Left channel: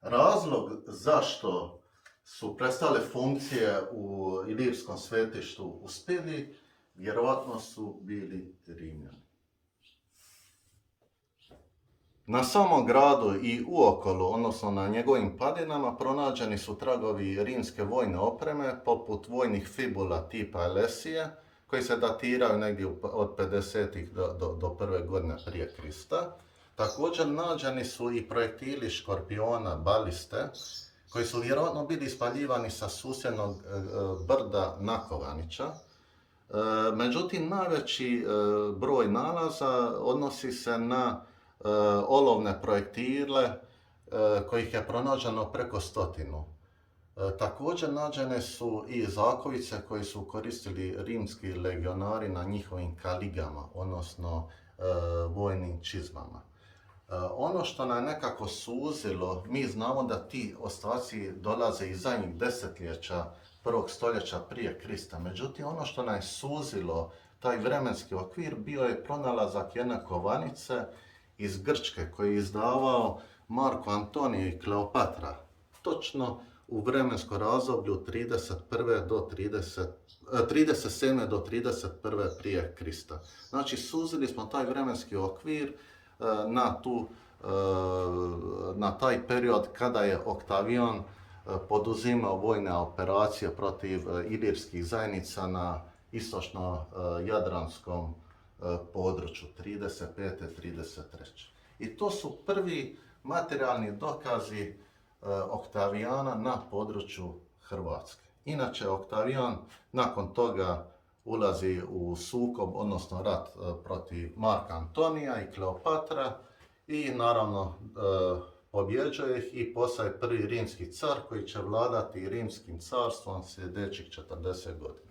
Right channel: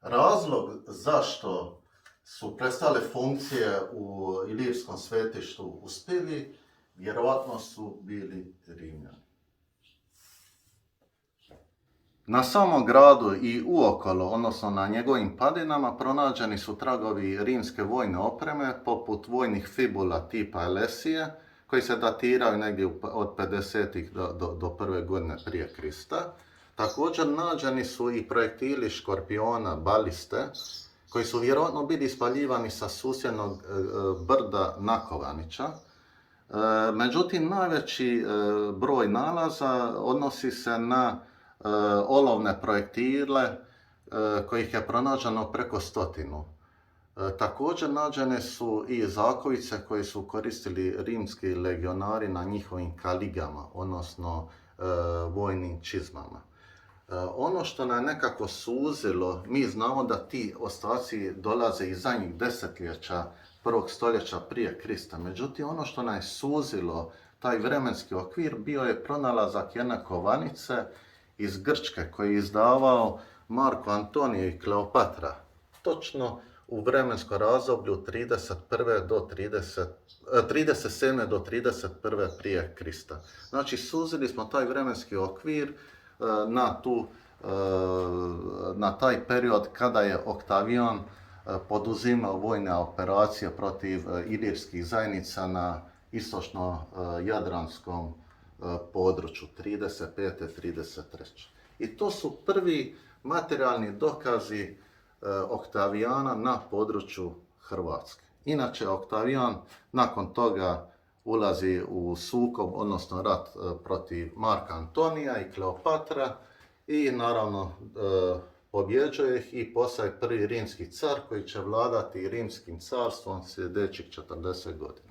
Razlog zašto su prestale funkcije u Ilirskom svetištu u Spili, vjerojatno su bili Rimljani. Na samom gradu i uokolo, odnosno na njegovim padinama, pronađeni su tragovi rimske vojne opreme, poput vojnih fibula tipa Elesije, koji se datiraju negdje od 50. do prve godine prije Krista. Također nađeni su i projektili škorpiona, baliste, koji su vjerojatno bili ispaljivani sa susjednog brda Nakovanića. Međutim, najveći broj nalaza odnosi se na olovne projektile kojih je pronađeno preko 100. Također nađene su i zakovice koje su koristili rimski legionari na njihovim kaligama, odnosno vojnim čizmama. Ono što nam nekako suzilo, mi znamo da ti ostaci dolaze iz zadnjih desetljeća prvog stoljeća prije Krista. Međutim, ono što nam je suzilo taj vremenski okvir bio je pronalazak jedne kovanice iz Grčke koji je izdavao Marko Antonije i Kleopatra, točno u vremenskom razdoblju 37. do 31. prije Krista. Znači, suzili smo taj vremenski okvir na taj period kada je Oktavijan poduzimao vojne operacije protiv ilirskih zajednica na istočno-jadranskom području 35. 33. I to su prvi materijalni dokazi Oktavijana na području Hrvatske. Inače, Oktavijan nakon toga ulazi u sukob, odnosno rat protiv Marka Antonija i Kleopatra i naravno pobjeđuje ih i postaje prvi rimski car koji će vladati rimskim carstvom sljedećih 40 godina.